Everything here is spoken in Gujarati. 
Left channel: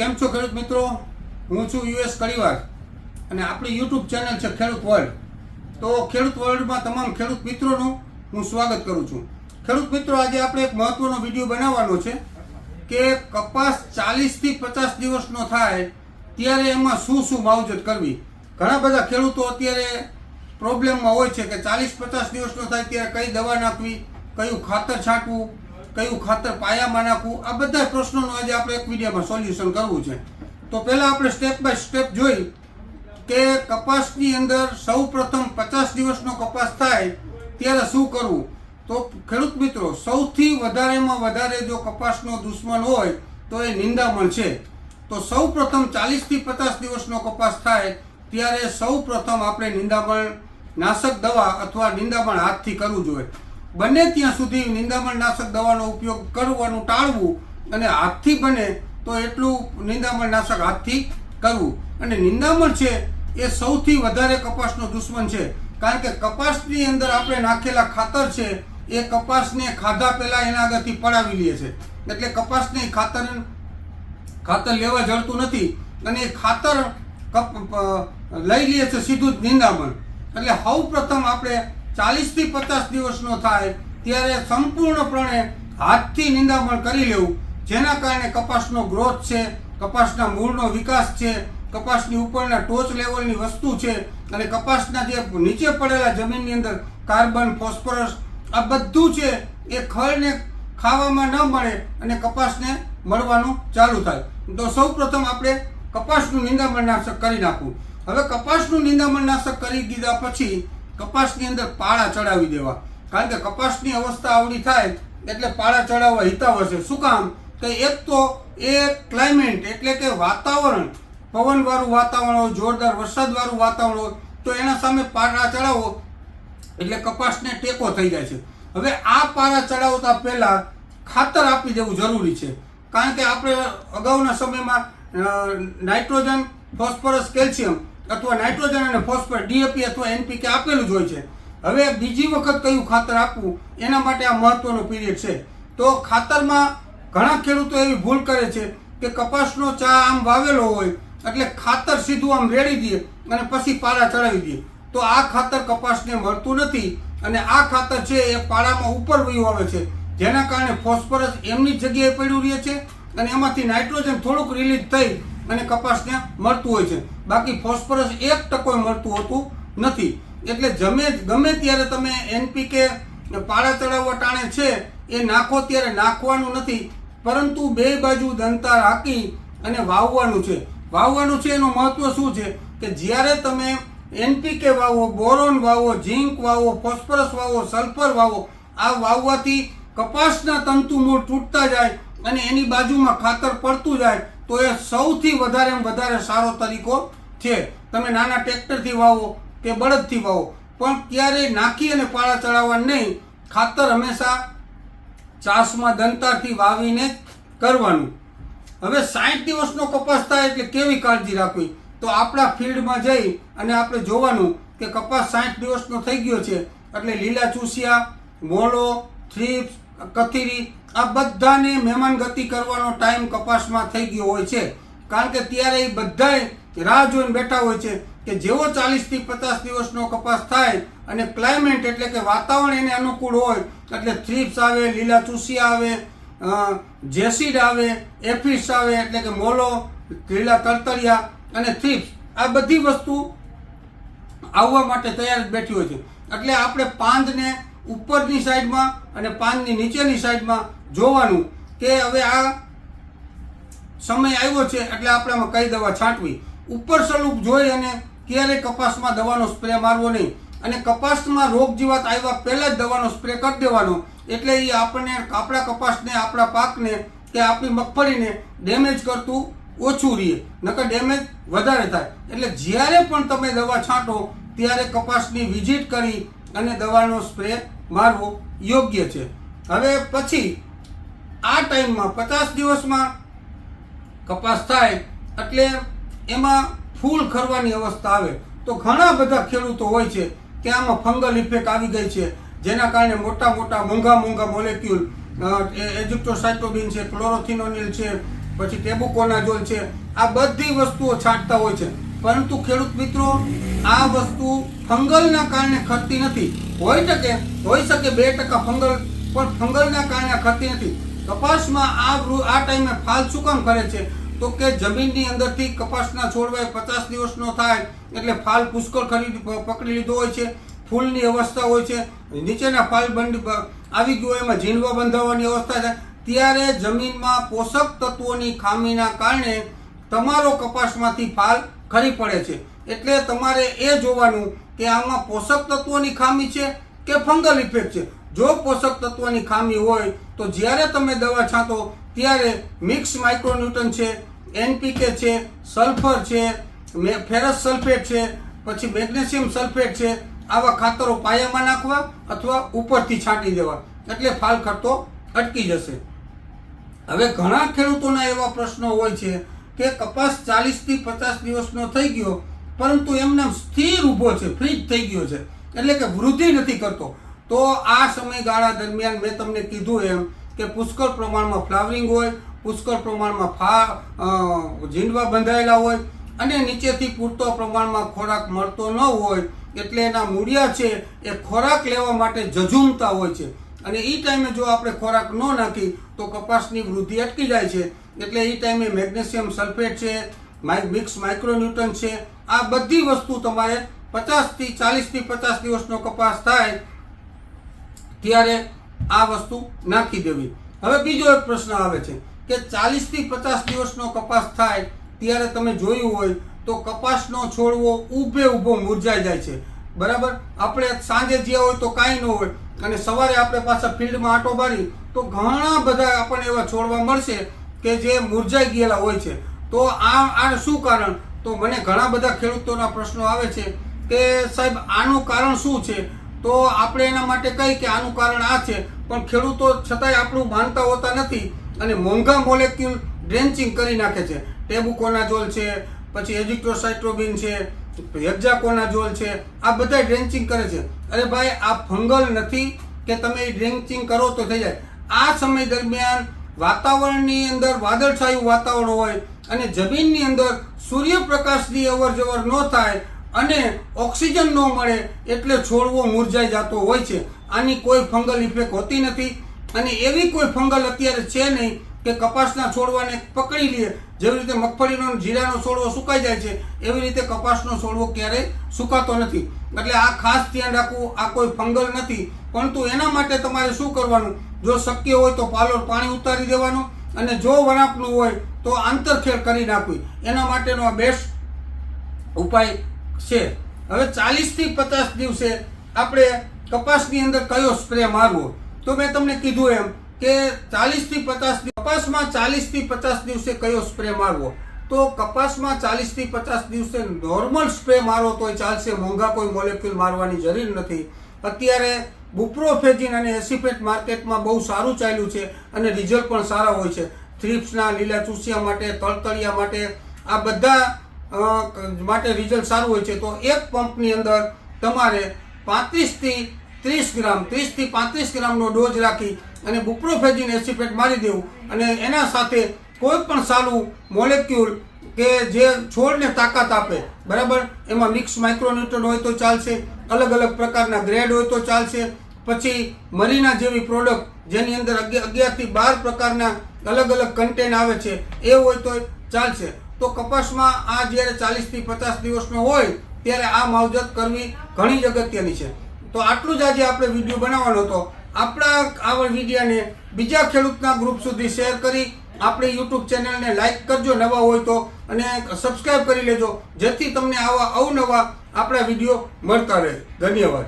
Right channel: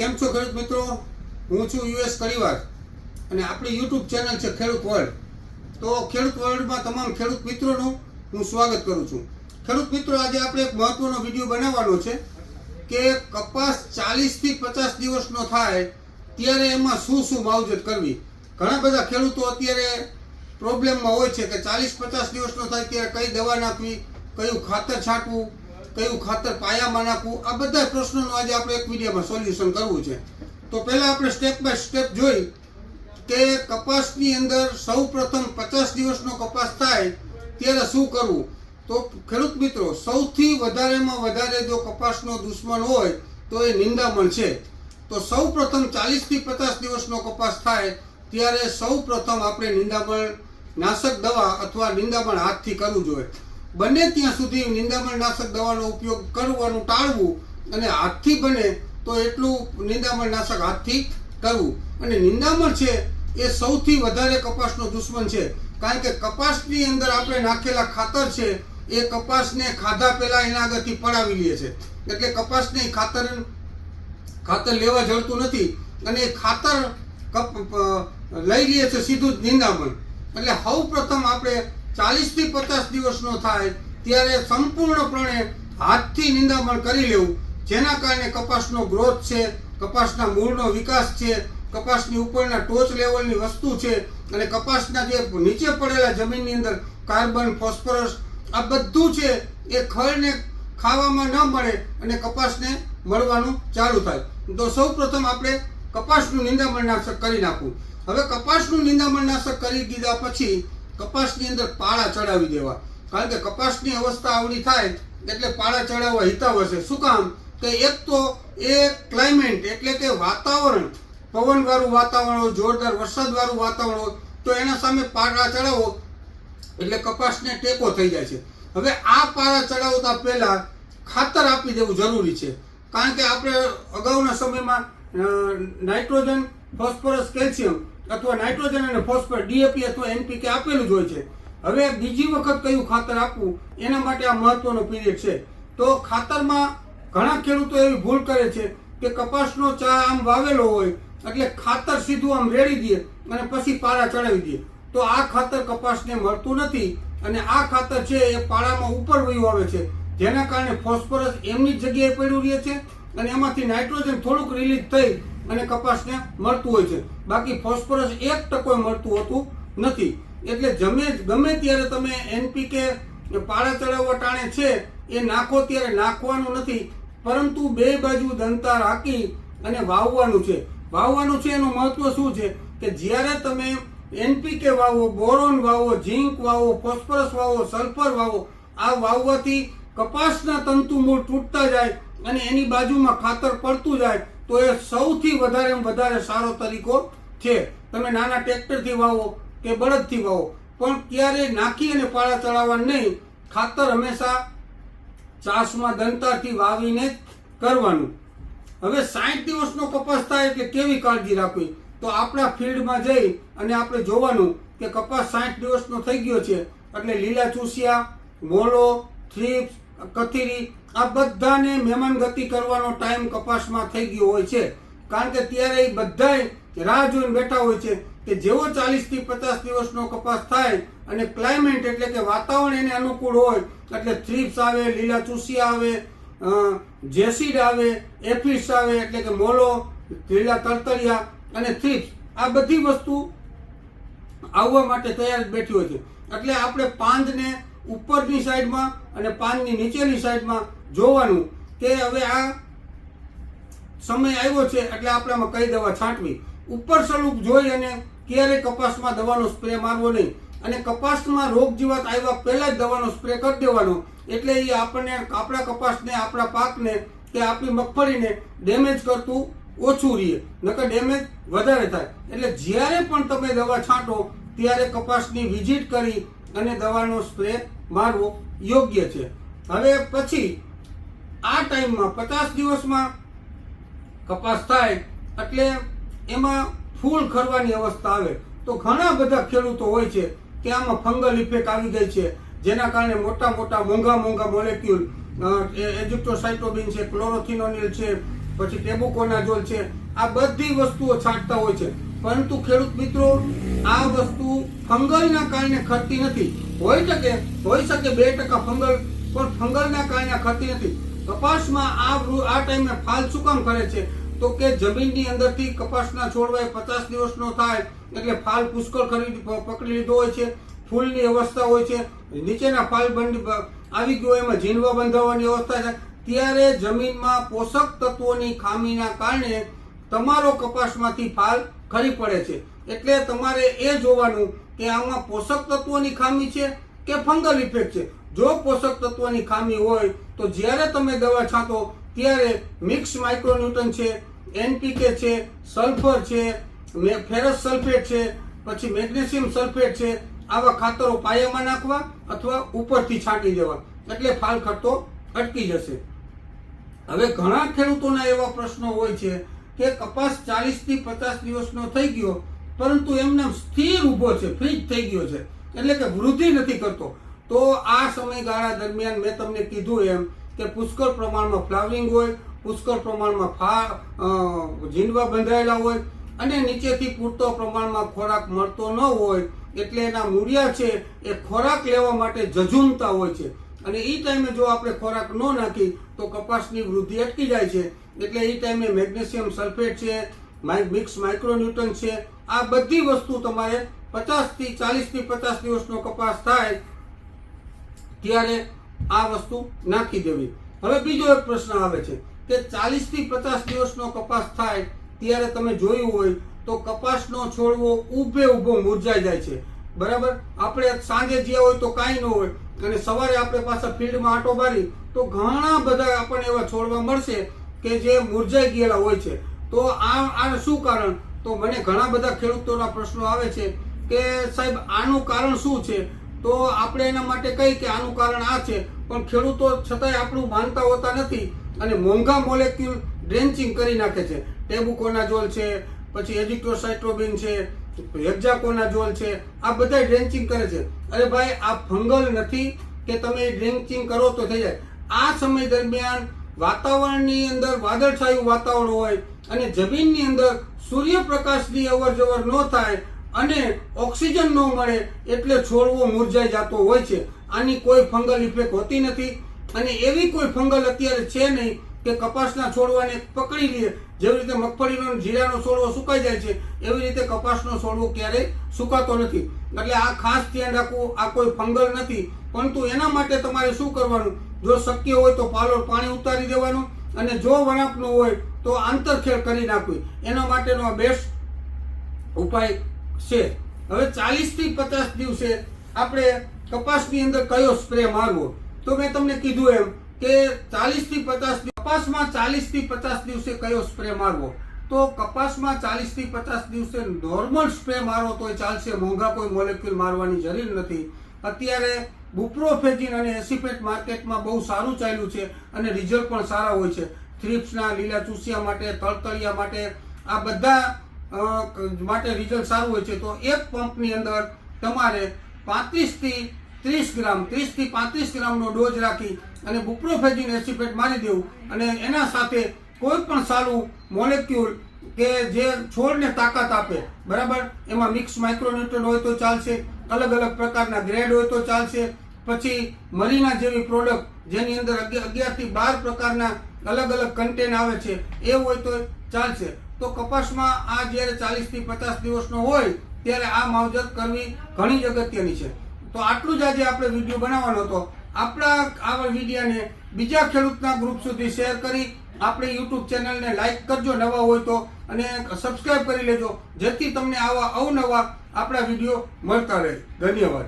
કેમ છો ખેડૂત મિત્રો? હું છું યુએસ કડીવાર અને આપણી યુટ્યુબ ચેનલ છે ખેડૂત વર્લ્ડ. તો ખેડૂત વર્લ્ડમાં તમામ ખેડૂત મિત્રોનું હું સ્વાગત કરું છું. ખેડૂત મિત્રો, આજે આપણે એક મહત્વનો વિડીયો બનાવવાનો છે કે કપાસ 40થી 50 દિવસનો થાય ત્યારે એમાં શું શું માવજત કરવી. ઘણા બધા ખેડૂતો અત્યારે પ્રોબ્લેમમાં હોય છે કે 40-50 દિવસનો થાય ત્યારે કઈ દવા નાખવી, કયું ખાતર છાંટવું, કયું ખાતર પાયામાં નાખવું, આ બધા પ્રશ્નોનું આજે આપણે એક વિડીયોમાં સોલ્યુશન કરવું છે. તો પહેલાં આપણે સ્ટેપ બાય સ્ટેપ જોઈ કે કપાસની અંદર સૌ પ્રથમ 50 દિવસનો કપાસ થાય ત્યારે શું કરવું. તો ખેડૂત મિત્રો, સૌથી વધારેમાં વધારે જો કપાસનો દુશ્મન હોય તો એ નિંદામણ છે. તો સૌ પ્રથમ 40થી 50 દિવસનો કપાસ થાય ત્યારે સૌ પ્રથમ આપણે નિંદામણ નાશક દવા અથવા નિંદામણ હાથથી કરવું જોઈએ. બને ત્યાં સુધી નિંદામણ નાશક દવાનો ઉપયોગ કરવાનું ટાળવું અને હાથથી બને તો એટલું નિંદામણ નાશક હાથથી કરવું. અને નિંદામણ છે એ સૌથી વધારે કપાસનો દુશ્મન છે, કારણ કે કપાસની અંદર આપણે નાખેલા ખાતર છે એ કપાસને ખાધા પહેલા એના આગળથી પડાવી લે છે. એટલે કપાસને ખાતર લેવા જડતું નથી અને એ ખાતર લઈ લે છે સીધું જ નિંદામણ. એટલે સૌ પ્રથમ આપણે 40થી 50 દિવસનો થાય ત્યારે સંપૂર્ણપણે હાથથી નિંદામણ કરી લેવું, જેના કારણે કપાસનો ગ્રોથ છે, કપાસના મૂળનો વિકાસ છે, કપાસની ઉપરના ટોચ લેવલની વસ્તુ છે અને કપાસના જે નીચે પડેલા જમીનની અંદર કાર્બન, ફોસ્ફરસ આ બધું છે એ ખળને ખાવામાં ન મળે અને કપાસને મળવાનું ચાલુ થાય. તો સૌ પ્રથમ આપણે કપાસનું નિંદામણ નાશક કરી નાખવું. હવે કપાસનું નિંદામણ નાશક કરી દીધા પછી કપાસની અંદર પાળા ચડાવી દેવા, કારણ કે કપાસની અવસ્થા આવડી થાય એટલે પાળા ચડાવવા હિતાવ હશે. શું કામ? કે એક તો એ ક્લાઇમેટ એટલે કે વાતાવરણ, પવનવાળું વાતાવરણ હોય, જોરદાર વરસાદવાળું વાતાવરણ હોય તો એના સામે પાળા ચડાવો એટલે કપાસને ટેકો થઈ જાય છે. હવે આ પાળા ચડાવતા પહેલાં ખાતર આપી દેવું જરૂરી છે, કારણ કે આપણે અગાઉના સમયમાં નાઇટ્રોજન, ફોસ્ફરસ, કેલ્શિયમ અથવા નાઇટ્રોજન અને ફોસ્ફરસ ડીએપી અથવા એનપીકે આપેલું જ હોય છે. હવે બીજી વખત કયું ખાતર આપવું એના માટે આ મહત્વનો પીરિયડ છે. તો ખાતરમાં ઘણા ખેડૂતો એવી ભૂલ કરે છે કે કપાસનો ચા આમ વાવેલો હોય એટલે ખાતર સીધું આમ રેડી દે અને પછી પાળા ચડાવી દે. તો આ ખાતર કપાસને મળતું નથી અને આ ખાતર છે એ પાળામાં ઉપર વયું આવે છે, જેના કારણે ફોસ્ફરસ એમની જગ્યાએ પડ્યું રહે છે અને એમાંથી નાઇટ્રોજન થોડુંક રિલીઝ થઈ અને કપાસને મળતું હોય છે. બાકી ફોસ્ફરસ 1% મળતું હોતું નથી. એટલે ગમે ત્યારે તમે એનપીકે પાળા ચડાવવા ટાણે છે એ નાખો ત્યારે નાખવાનું નથી, પરંતુ બે બાજુ દંતા રાખી અને વાવવાનું છે. વાવવાનું છે એનું મહત્વ શું છે કે જ્યારે તમે એનપીકે વાવો, બોરોન વાવો, ઝીંક વાવો, ફોસ્ફરસ વાવો, સલ્ફર વાવો, આ વાવવાથી કપાસના તંતુ મૂળ તૂટતા જાય અને એની બાજુમાં ખાતર પડતું જાય તો એ સૌથી વધારે સારો તરીકો છે. તમે નાના ટ્રેક્ટરથી વાવો કે બળદથી વાવો, પણ ક્યારેય નાખી અને પાળા ચડાવવા નહીં. ખાતર હંમેશા ચાસમાં દંતારથી વાવીને કરવાનું. હવે 60 દિવસનો કપાસ થાય એટલે કેવી કાળજી રાખવી? તો આપણા ફિલ્ડમાં જઈ અને આપણે જોવાનું કે કપાસ 60 દિવસનો થઈ ગયો છે એટલે લીલા ચૂસિયા, મોળો, થ્રીપ્સ, કથીરી આ બધાને મહેમાનગતિ કરવાનો ટાઈમ કપાસમાં થઈ ગયો હોય છે, કારણ કે ત્યારે એ બધાય રાહ જોઈને બેઠા હોય છે કે જેવો 40થી 50 દિવસનો કપાસ થાય અને ક્લાઇમેટ એટલે કે વાતાવરણ એને અનુકૂળ હોય એટલે થ્રીપ્સ આવે, લીલા ચૂસિયા આવે, જેસીડ આવે, એફિસ આવે એટલે કે મોલો, લીલા તળતળિયા અને થ્રીપ્સ આ બધી વસ્તુ આવવા માટે તૈયાર બેઠી હોય છે. એટલે આપણે પાંદને ઉપરની સાઈડમાં અને પાંદની નીચેની સાઈડમાં જોવાનું કે હવે આ સમય આવ્યો છે એટલે આપણે એમાં કઈ દવા છાંટવી. ઉપર સ્વરૂપ જોઈ અને ક્યારેય કપાસમાં દવાનો સ્પ્રે મારવો નહીં અને કપાસમાં રોગ જીવાત આવ્યા પહેલાં જ દવાનો સ્પ્રે કરી દેવાનો, એટલે એ આપણને આપણા કપાસને, આપણા પાકને કે આપણી મગફળીને ડેમેજ કરતું ઓછું રહે, નકર ડેમેજ વધારે થાય. એટલે જ્યારે પણ તમે દવા છાંટો ત્યારે કપાસની વિઝિટ કરી અને દવાનો સ્પ્રે મારવો યોગ્ય છે. હવે પછી આ ટાઈમમાં 50 દિવસમાં કપાસ થાય એટલે એમાં ફૂલ ખરવાની અવસ્થા આવે તો ઘણા બધા ખેડૂતો હોય છે કે આમાં ફંગલ ઇફેક્ટ આવી ગઈ છે, જેના કારણે મોટા મોંઘા મોલેક્યુલ એજિપ્ટોસાઇટોબિન છે, ક્લોરોથિનોનિલ છે, પછી ટેબુકોનાઝોલ છે, આ બધી વસ્તુઓ છાંટતા હોય છે. પરંતુ ખેડૂત મિત્રો, આ વસ્તુ ફંગલના કારણે ખરતી નથી. હોઈ શકે 2% ફંગલ, પણ ફંગલના કારણે ખરતી નથી. કપાસમાં આ ટાઈમે ફાલ શું કામ કરે છે? તો કે જમીનની અંદરથી કપાસના છોડવા 50 દિવસનો થાય એટલે ફાલ પુષ્કળ પકડી લીધો હોય છે, ફૂલની અવસ્થા હોય છે, નીચેના ફાલ આવી ગયો, એમાં ઝીંડવા બંધાવવાની અવસ્થા છે. ત્યારે જમીનમાં પોષક તત્વોની ખામીના કારણે તમારો કપાસમાંથી ફાલ ખરી પડે છે. એટલે તમારે એ જોવાનું કે આમાં પોષક તત્વોની ખામી છે કે ફંગલ ઇફેક્ટ છે. જો પોષક તત્વોની ખામી હોય તો જ્યારે તમે દવા છાંટો ત્યારે મિક્સ માઇક્રોન્યુટ્રન છે, NPK છે, સલ્ફર છે, ફેરસ સલ્ફેટ છે, પછી મેગ્નેશિયમ સલ્ફેટ છે, આવા ખાતરો પાયામાં નાખવા અથવા ઉપરથી છાંટી દેવા, એટલે ફાલ ખરતો અટકી જશે. હવે ઘણા ખેડૂતોના એવા પ્રશ્નો હોય છે કે કપાસ 40 થી 50 દિવસનો થઈ ગયો, પરંતુ એમને સ્થિર ઊભો છે, ફ્રીજ થઈ ગયો છે, એટલે કે વૃદ્ધિ નથી કરતો. તો આ સમયગાળા દરમિયાન મેં તમને કીધું એમ કે પુષ્કળ પ્રમાણમાં ફ્લાવરિંગ હોય, પુષ્કળ પ્રમાણમાં ઝીંડવા બંધાયેલા હોય અને નીચેથી પૂરતો પ્રમાણમાં ખોરાક મળતો ન હોય, એટલે એના મૂળિયા છે એ ખોરાક લેવા માટે ઝઝૂમતા હોય છે. અને એ ટાઈમે જો આપણે ખોરાક ન નાખી તો કપાસની વૃદ્ધિ અટકી જાય છે. એટલે એ ટાઈમે મેગ્નેશિયમ સલ્ફેટ છે, મિક્સ માઇક્રોન્યુટ્રન છે, આ બધી વસ્તુ તમારે 40 થી 50 દિવસનો કપાસ થાય ત્યારે આ વસ્તુ નાખી દેવી. હવે બીજો એક પ્રશ્ન આવે છે કે 40 થી 50 દિવસનો કપાસ થાય ત્યારે તમે જોયું હોય તો કપાસનો છોડવો ઊભો મુરઝાઈ જાય છે. બરાબર, આપણે સાંજે જ્યાં હોય તો કાંઈ ન હોય અને સવારે આપણે પાછા ફિલ્ડમાં આંટો મારી તો ઘણા બધા આપણને એવા છોડવા મળશે કે જે મુરઝાઈ ગયેલા હોય છે. તો આ શું કારણ? તો મને ઘણા બધા ખેડૂતોના પ્રશ્નો આવે છે કે સાહેબ આનું કારણ શું છે? તો આપણે એના માટે કહીએ કે આનું કારણ આ છે, પણ ખેડૂતો છતાંય આપણું માનતા હોતા નથી અને મોંઘા મોલેક્યુલ ડ્રેન્ચિંગ કરી નાખે છે. ટેબુકોનાઝોલ છે, પછી એઝિથ્રોસાઇટ્રોબિન છે, હેક્ઝાકોનાઝોલ છે, આ બધા ડ્રેન્ચિંગ કરે છે. અરે ભાઈ, આ ફંગલ નથી કે તમે ડ્રેન્ચિંગ કરો તો થઈ જાય. આ સમય દરમિયાન વાતાવરણની અંદર વાદળછાયું વાતાવરણ હોય અને જમીનની અંદર સૂર્યપ્રકાશની અવર જવર ન થાય અને ઓક્સિજન ન મળે એટલે છોડવો મુરઝાઈ જતો હોય છે. આની કોઈ ફંગલ ઇફેક્ટ હોતી નથી અને એવી કોઈ ફંગલ અત્યારે છે નહીં કે કપાસના છોડવાને પકડી લે. જેવી રીતે મગફળીનો જીરાનો છોડવો સુકાઈ જાય છે એવી રીતે કપાસનો છોડવો ક્યારેય સુકાતો નથી. એટલે આ ખાસ ધ્યાન રાખવું, આ કોઈ ફંગલ નથી. પરંતુ એના માટે તમારે શું કરવાનું? જો શક્ય હોય તો પાલોર પાણી ઉતારી દેવાનું અને જો વરાપનું હોય તો આંતરખેડ કરી નાખવી. એના માટેનો આ બેસ્ટ ઉપાય છે. હવે 40 થી 50 દિવસે આપણે કપાસની અંદર કયો સ્પ્રે મારવો? તો મેં તમને કીધું એમ કે 40 થી 50 કપાસમાં 40 થી 50 દિવસે કયો સ્પ્રે મારવો? તો કપાસમાં 40 થી 50 દિવસે નોર્મલ સ્પ્રે મારો તોય ચાલશે, મોંઘા કોઈ મોલેક્યુલ મારવાની જરૂર નથી. અત્યારે બુપ્રોફેજિન અને એસિફેટ માર્કેટમાં બહુ સારું ચાલ્યું છે અને રિઝલ્ટ પણ સારા હોય છે. થ્રિપ્સના, લીલા ચૂસિયા માટે, તળતળિયા માટે, આ બધા માટે રિઝલ્ટ સારું હોય છે. તો એક પંપની અંદર તમારે 35 થી 35 ગ્રામનો ડોઝ રાખી અને બુપ્રોફેજિન એસિફેટ મારી દેવું અને એના સાથે કોઈ પણ સારું મોલેક્યુલ કે જે છોડને તાકાત આપે, બરાબર, એમાં મિક્સ માઇક્રોન્યુટ્રન હોય તો ચાલશે, અલગ અલગ પ્રકારના ગ્રેડ હોય તો ચાલશે, પછી મરીના જેવી પ્રોડક્ટ જેની અંદર 11 થી 12 પ્રકારના અલગ અલગ કન્ટેન આવે છે એ હોય તો ચાલશે. તો કપાસમાં આ જ્યારે 40 થી 50 દિવસનો હોય ત્યારે આ માવજત કરવી ઘણી જ અગત્યની છે. તો આટલું જ આજે આપણે વિડીયો બનાવવાનો હતો. આપણા આ વિડીયોને બીજા ખેડૂતના ગ્રુપ સુધી શેર કરી આપણે યુટ્યુબ ચેનલને લાઈક કરજો નવા હોય તો, અને સબસ્ક્રાઈબ કરી લેજો જેથી તમને આવા અવનવા આપણા વિડીયો મળતા રહે. ધન્યવાદ.